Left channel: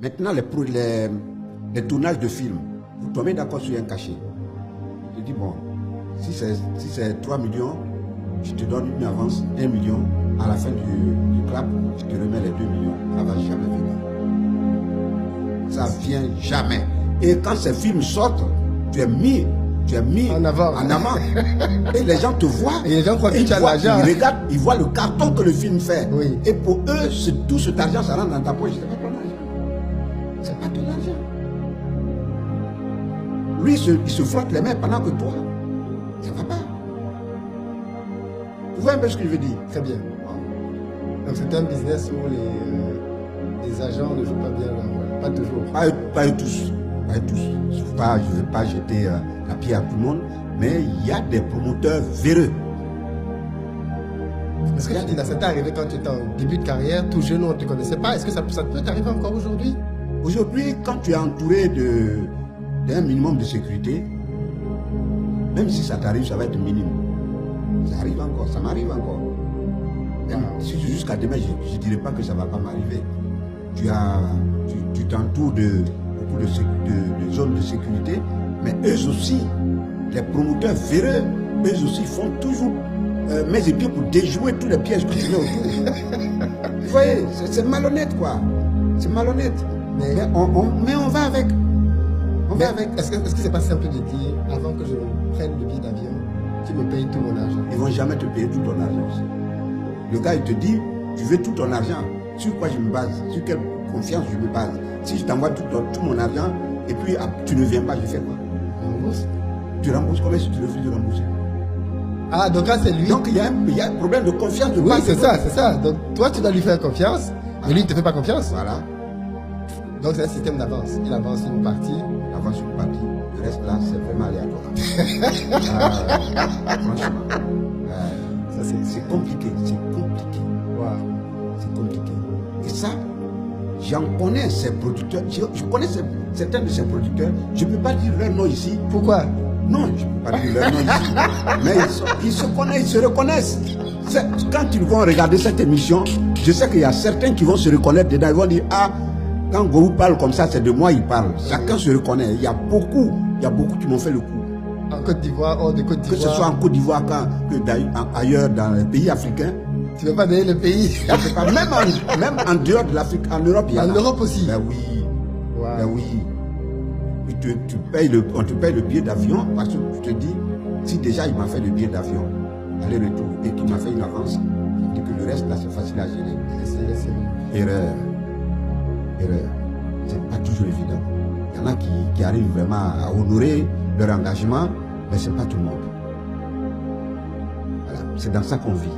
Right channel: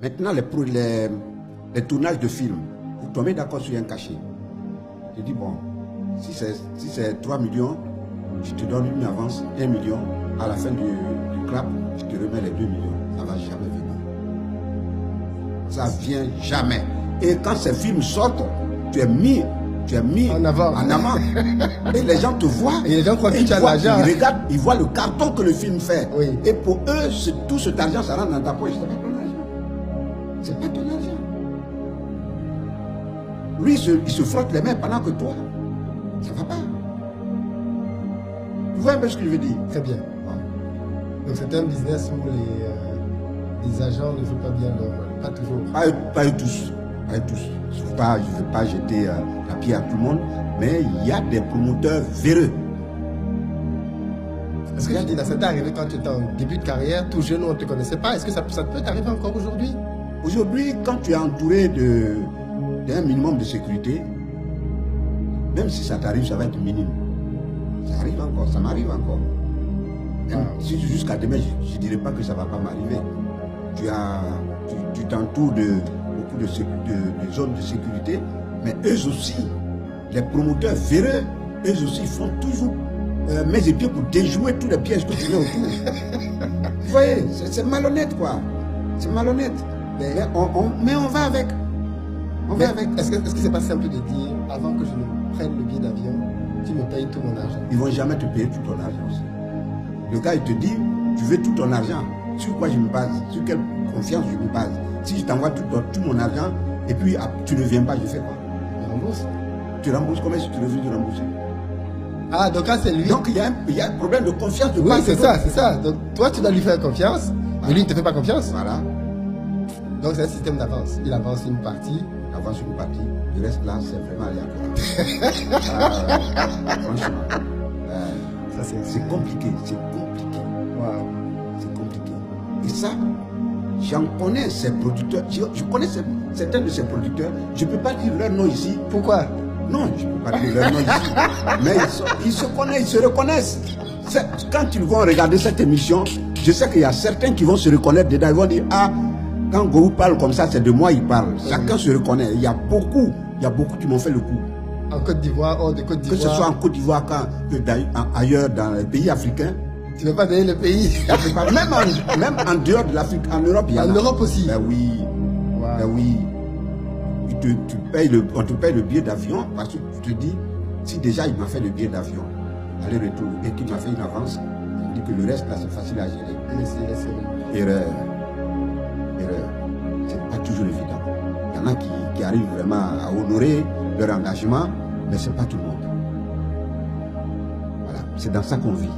Maintenant, les tournages de films, vous tombez d'accord sur un cachet. Je dis, bon, si c'est 3 millions, je te donne une avance, 1 million. À la fin du clap, je te remets les 2 millions. Ça ne va jamais venir. Ça ne vient jamais. Et quand ces films sortent, tu es mis en avant. Et les gens te voient. Et les gens croient que tu as l'argent. Ils regardent, ils voient le carton que le film fait. Oui. Et pour eux, tout cet argent, ça rentre dans ta poche. C'est pas ton argent. C'est pas ton argent. Lui, il se frotte les mains pendant que toi, ça va pas. Vous voyez un peu ce que je veux dire? Très bien. Donc c'est un business où les agents ne jouent pas bien leur rôle. Pas toujours. Pas tous. Pas tous. Je ne veux pas jeter la pierre à tout le monde, mais il y a des promoteurs véreux. Est-ce que ça t'est arrivé quand tu étais en début de carrière, tout jeune, on ne te connaissait pas? Est-ce que ça peut t'arriver encore aujourd'hui? Aujourd'hui, quand tu es entouré d'un minimum de sécurité, même si ça t'arrive, ça va être minime. Ça arrive encore, ça m'arrive encore. Même si jusqu'à demain, je ne dirais pas que ça ne va pas m'arriver. Tu t'entoures de beaucoup de zones de sécurité, mais eux aussi, les promoteurs véreux, eux aussi font toujours mes épieds pour déjouer tous les pièges que tu mets autour. Vous voyez, c'est malhonnête quoi. C'est malhonnête. Mais on va avec. Est-ce que c'est pas simple de dire, avant que je ne prenne le billet d'avion, tu me payes tout mon argent? Ils vont jamais te payer tout ton argent aussi. Le gars, il te dit, tu veux tout ton argent. Sur quoi je me base? Sur quelle confiance je me base? Si je t'envoie tout mon argent, et puis tu ne viens pas, je fais quoi? Je rembourse. Tu rembourses combien si tu refuses de rembourser? Ah, donc là, c'est lui. Donc il y a un problème de confiance de Oui, part et c'est d'autre. ça. Donc toi, tu dois lui faire confiance, mais lui, il ne te fait pas confiance. Voilà. Donc c'est un système d'avance. Il avance une partie. Il avance une partie. Le reste là, c'est vraiment aléatoire. Franchement. C'est compliqué. Wow. C'est compliqué. Et ça, j'en connais ces producteurs. Je connais certains de ces producteurs. Je ne peux pas dire leur nom ici. Pourquoi? Non, je ne peux pas dire leur nom ici. Mais ils se connaissent, ils se reconnaissent. Quand ils vont regarder cette émission, je sais qu'il y a certains qui vont se reconnaître dedans. Ils vont dire, ah, quand Gourou parle comme ça, c'est de moi il parle. Chacun se reconnaît. Il y a beaucoup qui m'ont fait le coup. En Côte d'Ivoire, hors de Côte d'Ivoire. Que ce soit en Côte d'Ivoire, ailleurs dans les pays africains. Tu ne veux pas donner le pays? Pas, même en dehors de l'Afrique, en Europe, il y en a. En Europe aussi? Ben oui. Wow. Ben oui. On te paye le billet d'avion parce que tu te dis, si déjà il m'a fait le billet d'avion, aller-retour, et qu'il m'a fait une avance, ça dit que le reste là c'est facile à gérer. Erreur. C'est pas toujours évident. Il y en a qui arrivent vraiment à honorer leur engagement, mais c'est pas tout le monde. Voilà, c'est dans ça qu'on vit.